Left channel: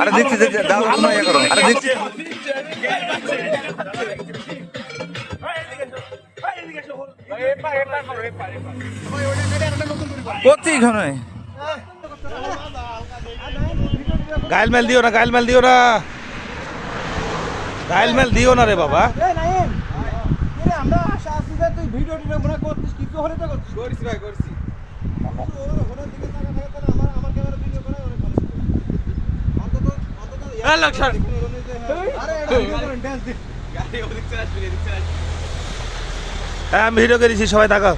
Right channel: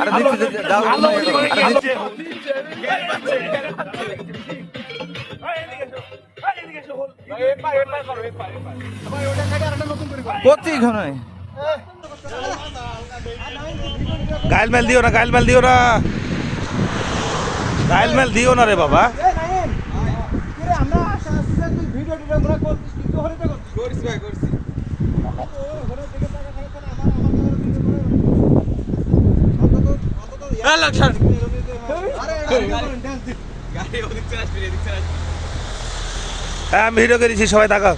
আরে দিচ্ছি দাও, আরে দিচ্ছি। করছি এখানে গাইল মেল দিও না, গাইল মেল দিও না, গাইল মেল দিও না রে বাবা। হ্যাঁ আমি ভিডিও করেছি, সবাই তাকাও।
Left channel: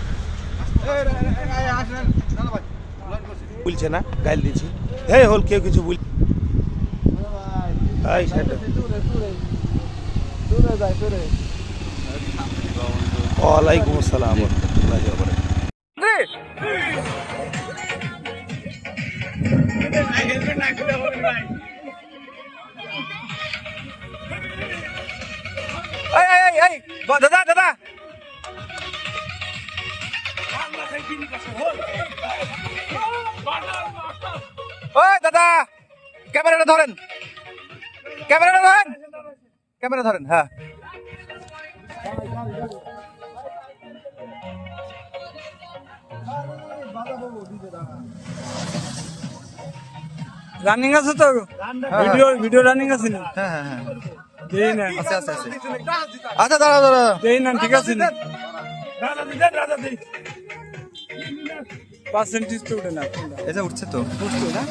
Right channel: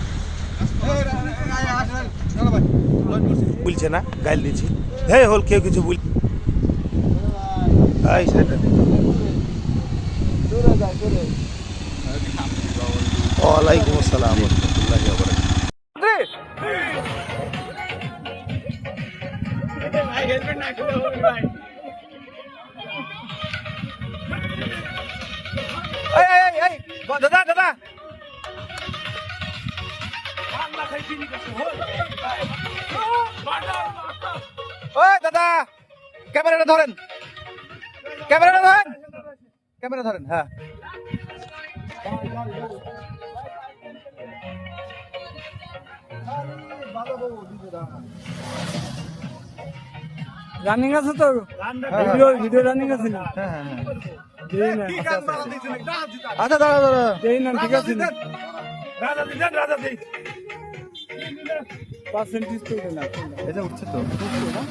বলছে না গাইল দিচ্ছি, হ্যাঁ হল কেউ কিছু বল। ওয়ালাইকুম আসসালাম ওয়া রাহমাতুল্লাহি ওয়া বারাকাতুহু। দাদা দাদা ওই দাদা ক্যামেরাটা ধরেন, ক্যামেরাটা ধরেন, ক্যামেরা ধরেন। হ্যাঁ রানিং আছে তো, ভিডিও ভিডিও রানিং আছে না? হ্যাঁ হ্যাঁ হ্যাঁ দেই না, আচ্ছা আচ্ছা আচ্ছা দাঁড়া দাঁড়া দেই না, ঠিক আছে না? পার্সেন্টেজ তো উঠে না, এটা উঠছে তো। বুঝছো না?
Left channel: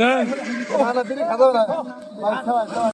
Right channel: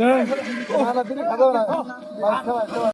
না